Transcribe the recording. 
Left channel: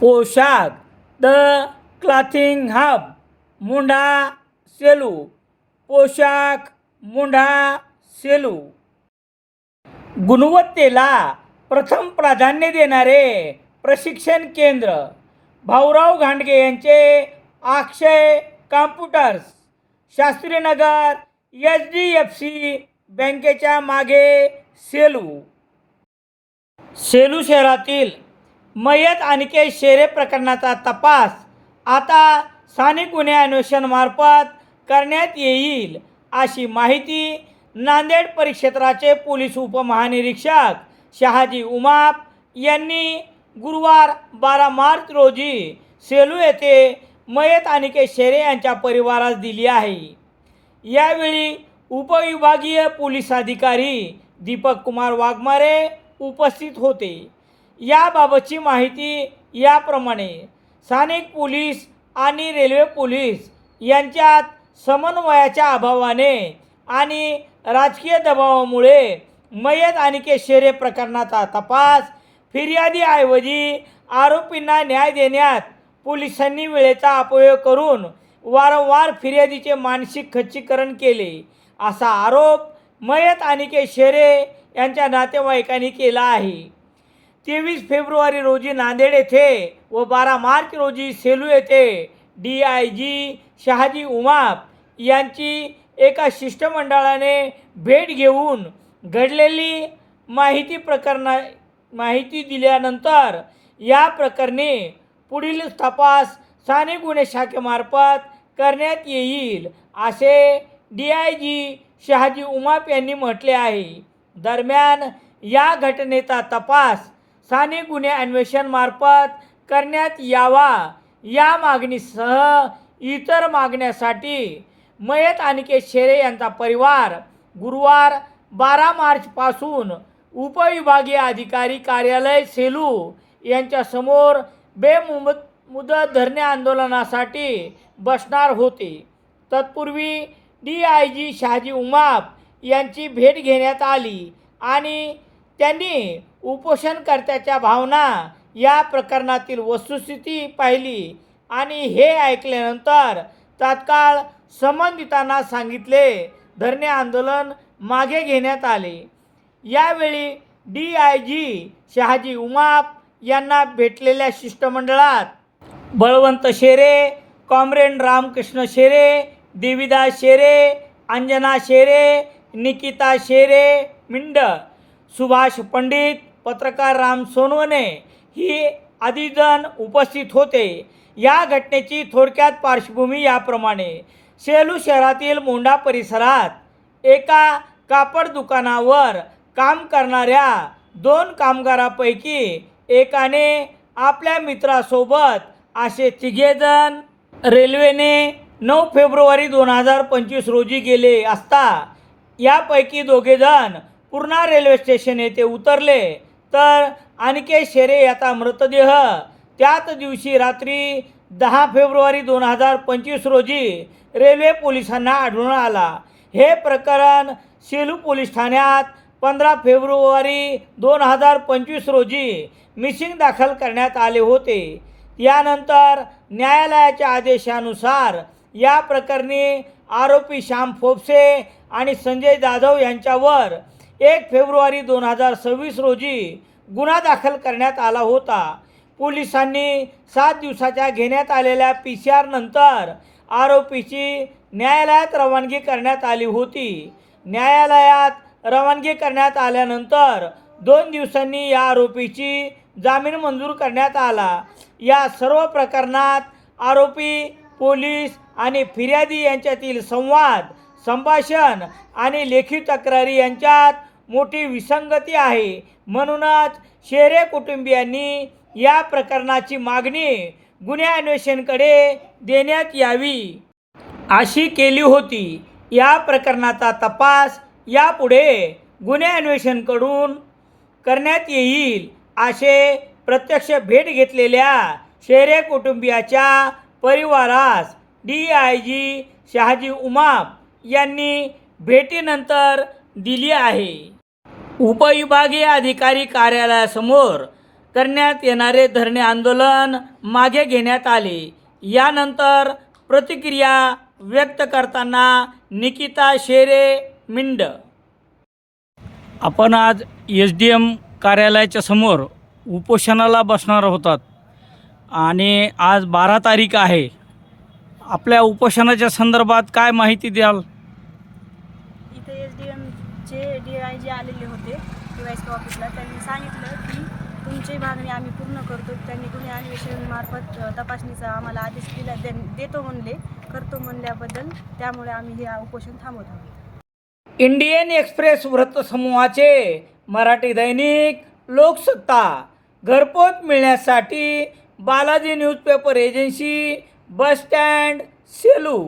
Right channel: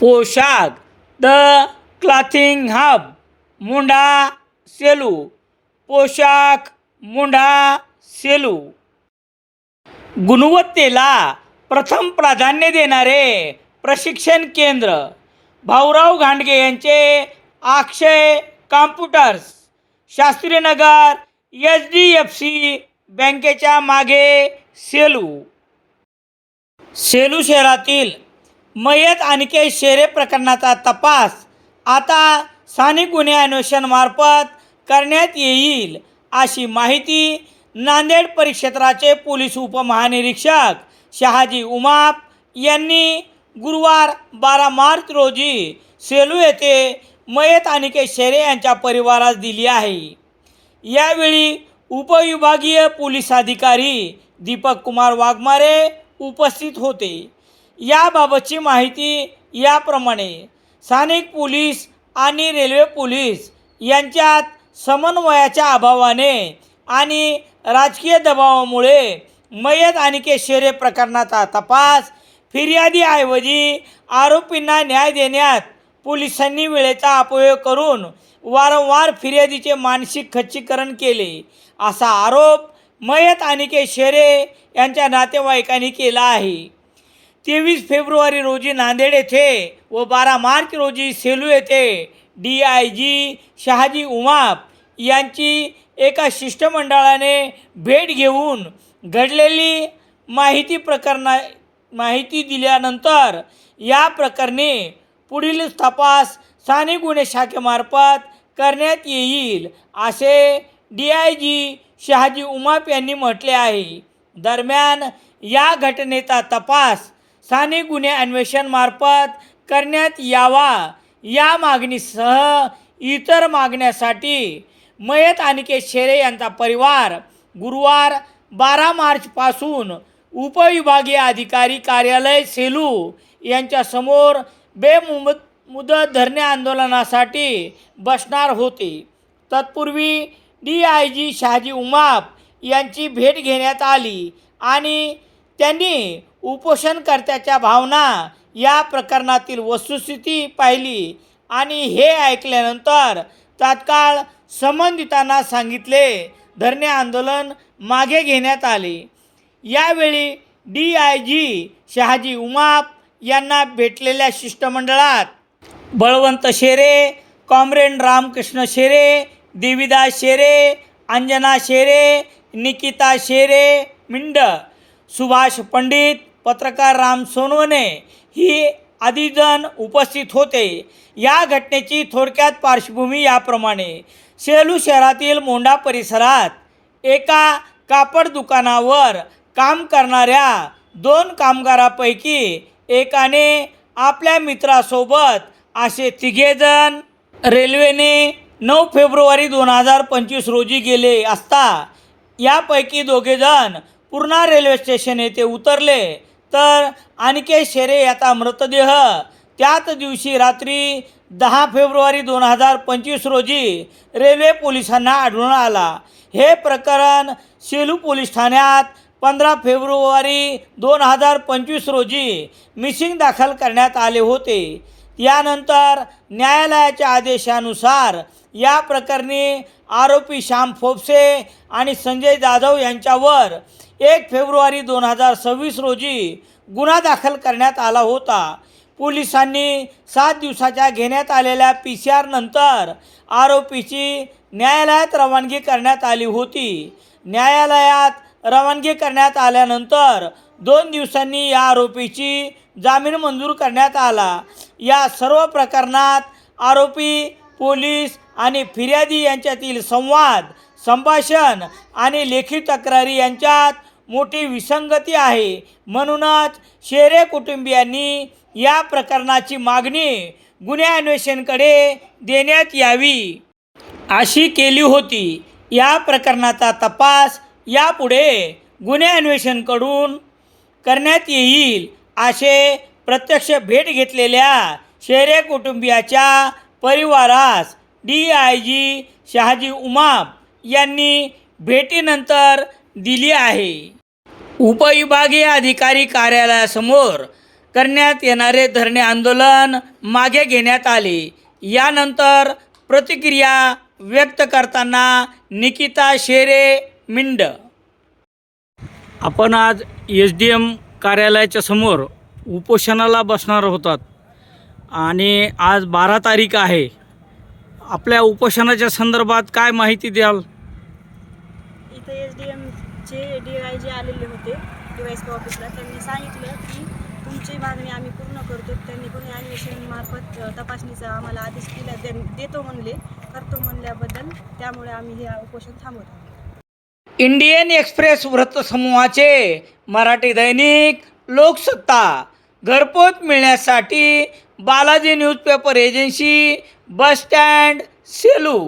पोशाख the clothing hub मुंढा Selu. पोशाख मुंढा सेलू. गुणवत्तेला प्रथम प्राधान्य देणारे प्रशिक्षण केंद्र. भाऊराव घांडगे यांचे अक्षय कॉम्प्युटर्स, शास्त्रीनगर, HDFC बँकेच्या मागे, सेलू. सेलू शहरातील मयत अनिकेत शेरे प्रकरणाचा तपास आता स्थानिक गुन्हे अन्वेषणामार्फत करण्यात येईल, अशी माहिती नांदेड परिक्षेत्राचे पोलीस उपमहानिरीक्षक शहाजी उमाप यांनी गुरुवार 12 मार्च रोजी सेलू येथे मयत अनिकेत शेरे यांच्या परिवारास दिली आहे. यावेळी उपविभागीय पोलीस अधिकारी दीपक कुमार वाघमारे उपस्थित होते. याबाबतची माहिती याप्रमाणे. स्थानिक पोलीस आणि रेल्वे पोलीस यांच्यात समन्वयाच्या अभावाने आणि राजकीय दबावामुळे मयत अनिकेत शेरे प्रकरणाचा तपास फिर्यादीऐवजी आरोपींना न्याय देण्यात पोलिसांनी वेळेचा अपव्यय करून वारंवार फिर्यादीचे मानसिक खच्चीकरण केले, असा आरोप मयत अनिकेत शेरे यांच्या नातेवाईकांनी केला आहे. 23 फेब्रुवारी रोजी नांदेड येथे व 12 मार्च रोजी सेलू येथे DIG शहाजी उमाप यांची एका शिष्टमंडळाने भेट घेऊन घडलेली माहिती दिल्यानंतर या प्रकरणी पुढील तपास स्थानिक गुन्हे शाखेमार्फत करण्यात येईल, असे DIG शहाजी उमाप यांनी म्हटले आहे. दरम्यान या घटनेचा तपास स्थानिक गुन्हे अन्वेषणामार्फत करण्यात यावा या मागणीसह इतर मागण्यासाठी मयत अनिकेत शेरे यांचा परिवार गुरुवार 12 मार्चपासून उपविभागीय अधिकारी कार्यालय सेलू यांच्यासमोर बेमुदत धरणे आंदोलनासाठी बसणार होते. तत्पूर्वी DIG शहाजी उमाप यांची भेट घेण्यात आली आणि त्यांनी उपोषणकर्त्याच्या भावना, या प्रकरणातील वस्तुस्थिती पाहिली आणि हे ऐकल्यानंतर तात्काळ संबंधितांना सांगितले धरणे आंदोलन मागे घेण्यात आले. यावेळी DIG शहाजी उमाप यांना भेटलेल्या शिष्टमंडळात बळवंत शेरे, कॉम्रेड रामकृष्ण शेरे, देवीदास शेरे, अंजना शेरे, निकिता शेरे मिंड, सुभाष पंडित, पत्रकार राम सोनवणे ही आदी जण उपस्थित होते. या घटनेची थोडक्यात पार्श्वभूमी याप्रमाणे. सेलू शहरातील मोंढा परिसरात एका कापड दुकानावर काम करणाऱ्या 2 कामगारापैकी एकाने आपल्या मित्रासोबत असे 3 जण रेल्वेने 9 फेब्रुवारी 2025 रोजी गेले असता यापैकी 2 जण पूर्णा रेल्वे स्टेशन येथे उतरले, तर अनिकेत शेरे याचा मृतदेह त्याच दिवशी रात्री 10 फेब्रुवारी 2025 रोजी रेल्वे पोलिसांना आढळून आला. हे प्रकरण सेलू पोलीस ठाण्यात 15 फेब्रुवारी 2025 रोजी मिसिंग दाखल करण्यात आले होते. यानंतर न्यायालयाच्या आदेशानुसार या प्रकरणी आरोपी श्याम फोपसे आणि संजय जाधव यांच्यावर 1 फेब्रुवारी 2026 रोजी गुन्हा दाखल करण्यात आला होता. पोलिसांनी 7 दिवसाच्या घेण्यात आलेल्या PCR नंतर आरोपीची न्यायालयात रवानगी करण्यात आली होती. न्यायालयात रवानगी करण्यात आल्यानंतर 2 दिवसांनी या आरोपीची जामीन मंजूर करण्यात आला. या सर्व प्रकरणात आरोपी, पोलीस आणि फिर्यादी यांच्यातील संवाद, संभाषण आणि लेखी तक्रारी यांच्यात मोठी विसंगती आहे. म्हणूनच शेरे कुटुंबियांनी या प्रकरणाची मागणी गुन्हे अन्वेषणाकडे देण्यात यावी अशी केली होती. या प्रकरणाचा तपास यापुढे गुन्हे अन्वेषणाकडून करण्यात येईल, असे प्रत्यक्ष भेट घेतलेल्या शेरे कुटुंबियाच्या परिवारास DIG शहाजी उमाप यांनी भेटीनंतर दिली आहे. उपविभागीय अधिकारी कार्यालयासमोर करण्यात येणारे धरणे आंदोलन मागे घेण्यात आले. यानंतर प्रतिक्रिया व्यक्त करताना निकिता शेरे मिंड. आपण आज SDM कार्यालयाच्या समोर उपोषणाला बसणार होतात आणि आज 12 तारीख आहे. आपल्या उपोषणाच्या संदर्भात काय माहिती द्याल? इथे SDMचे DIG आलेले होते DYSP ऑफिसला. त्यांनी सांगितलं की तुमची मागणी आम्ही पूर्ण करतो. त्यांनी गुन्हे अन्वेषण मार्फत तपासणीचा आम्हाला आदेश दिला, देतो म्हणले, करतो म्हणल्याबद्दल त्यामुळे आम्ही हे उपोषण थांबवत आहोत. इंडियन एक्सप्रेस वृत्तसमूहाचे मराठी दैनिक लोकसत्ता घरपोच मिळण्यासाठी Balaji newspaper agency, bus stand, Selu.